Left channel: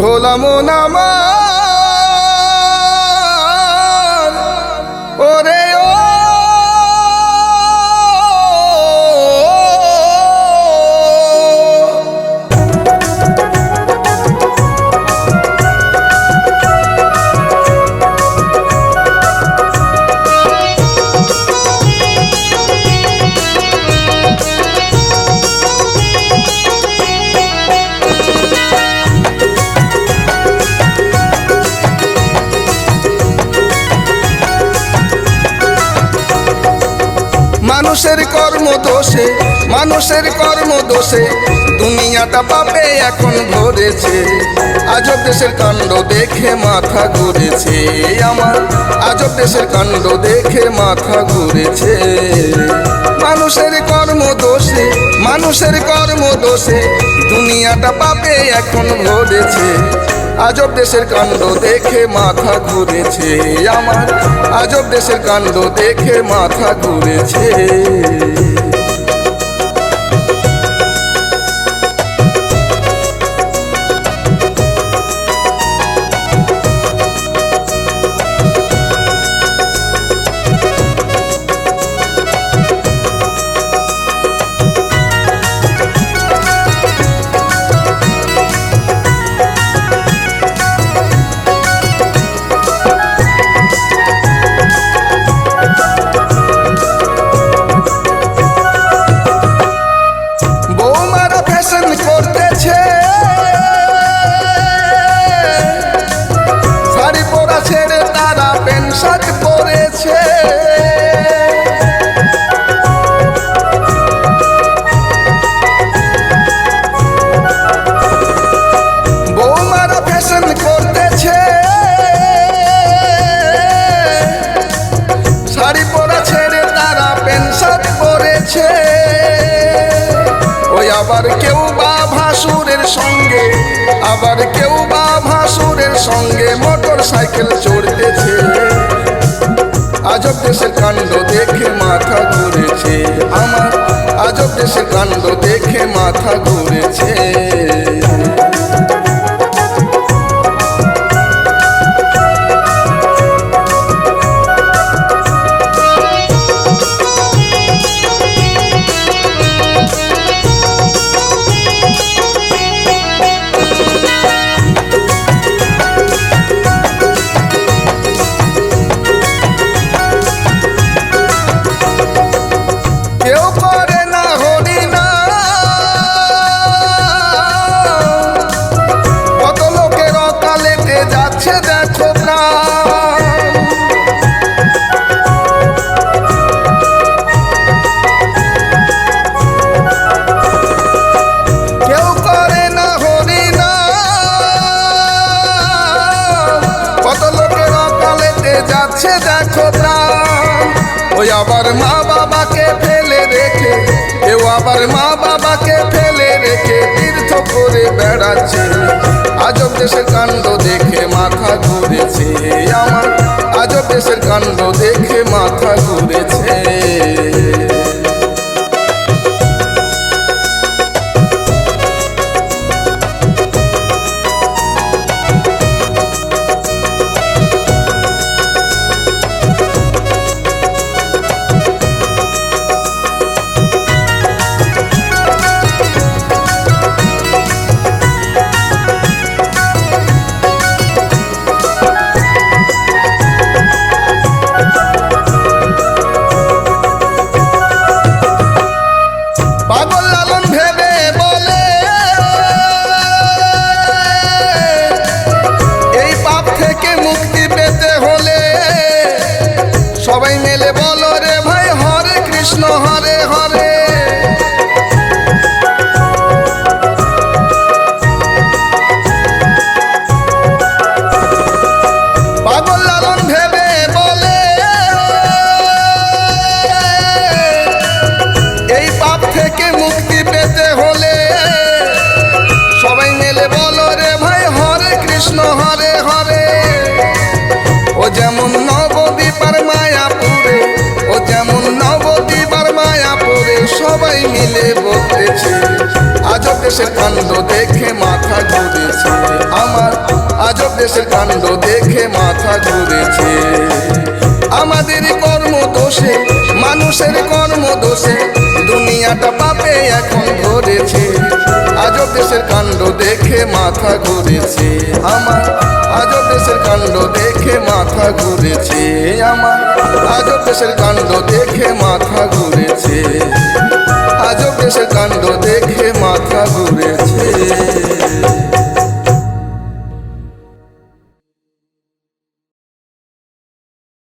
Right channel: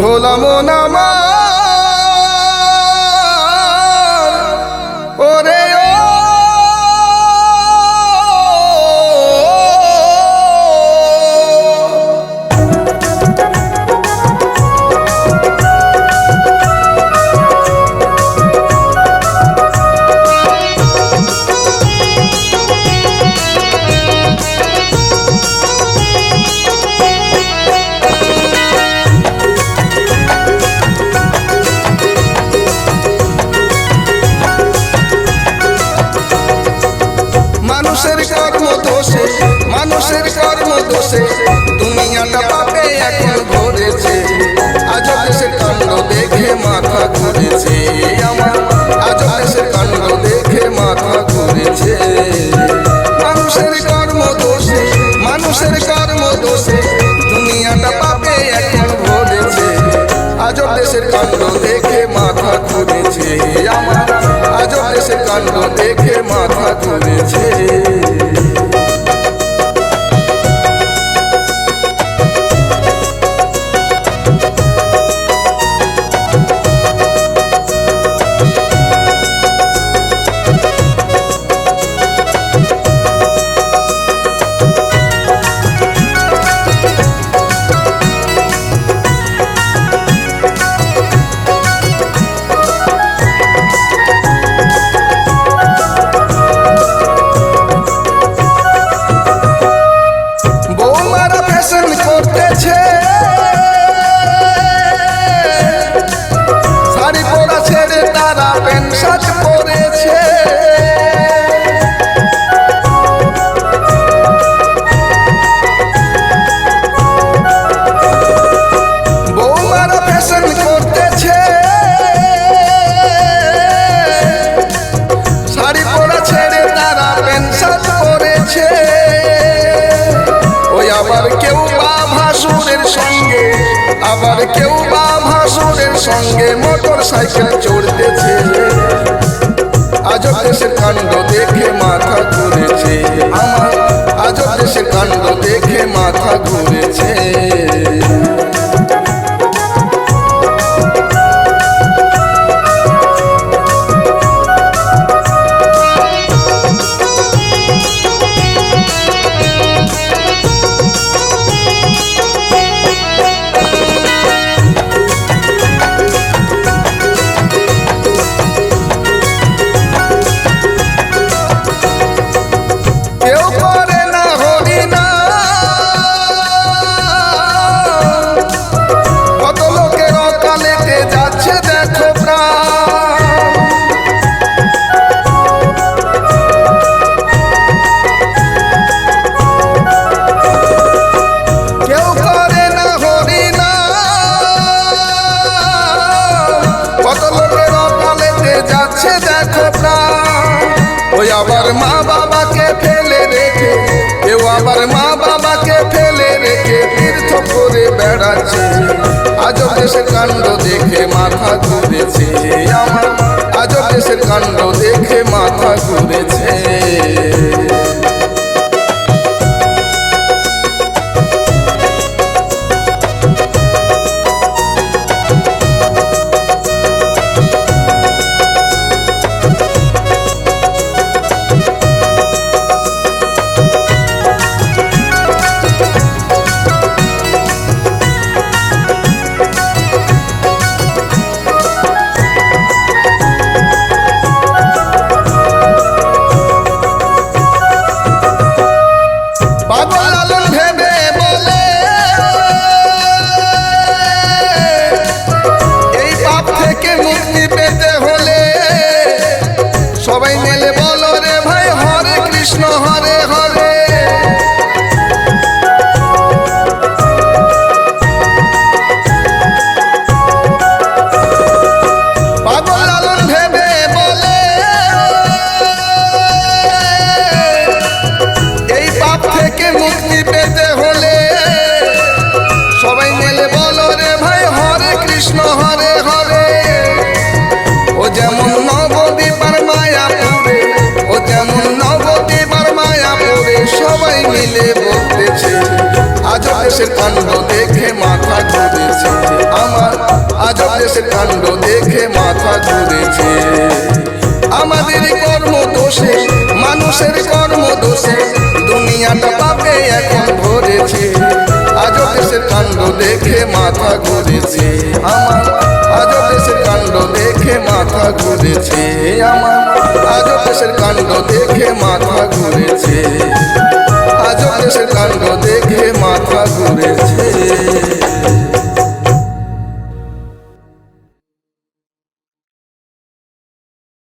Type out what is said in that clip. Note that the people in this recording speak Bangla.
ভোলা মন আমার মানুষের কর্ম দোষে মানুষের কর্ম দোষে দুনিয়াটা পাপে এখন ভরেছে। আজব দেশের কাণ্ড দেখে মাথা ঘুরেছে, আমার আজব দেশের কাণ্ড দেখে মাথা ঘুরেছে। মানুষের কর্ম দোষে মানুষের কর্ম দোষে দুনিয়াটা পাপে এখন ভরেছে। আজব দেশের কাণ্ড দেখে মাথা ঘুরেছে আমার। আজব দেশের কাণ্ড দেখে মাথা ঘুরেছে। ছেড়ে তারা প্যান্ট শার্ট পরেছে। ফ্যাশন করতেছে। শাড়ি পরা ছেড়ে তারা পরেছে। আবার কেউ বা ভাসুরের সঙ্গে, আবার কেউ বা ভাসুরের সঙ্গে মোটর সাইকেল চড়তেছে। আজব দেশের কাণ্ড দেখে মাথা ঘুরেছে আমার, আজব দেশের কাণ্ড দেখে মাথা ঘুরেছে। যাচ্ছে দেখো কেউ করে না হরি না। কত লোকের অকালেতে যাচ্ছে দেখো প্রাণ। ওই আবার মা বাবাকে ফেলে রেখে, কেউ আবার মা বাবাকে ফেলে রেখে তীর্থ করে বেড়াচ্ছে। আজব দেশের কাণ্ড দেখে মাথা ঘুরেছে আমার। আজব দেশের কাণ্ড দেখে মাথা ঘুরেছে। মেলে বলো রে ভাই, হরে কৃষ্ণ, হরে হরে। পাগল লালন ভেবে বলে, এই পাপ থেকে মুক্তি পেতে হলে সবাই মেলে বলো রে ভাই, হরে কৃষ্ণ সবাই মিলে বলতেছে, আজব দেশের কাণ্ড দেখে মাথা ঘুরেছে। আমার আজব দেশের কাণ্ড দেখে মাথা ঘুরেছে। আমাদের কর্ম দোষে মানুষের কর্ম দোষে দুনিয়াটা পাপে এখন ভরেছে। আজব দেশের কাণ্ড দেখে মাথা ঘুরেছে। আমার আজব দেশের কাণ্ড দেখে মাথা ঘুরেছে আমার। আজ দেশের কাণ্ড দেখে মাথা ঘুরেছে। আজ দেশের কাণ্ড দেখে মাথা ঘুরেছে।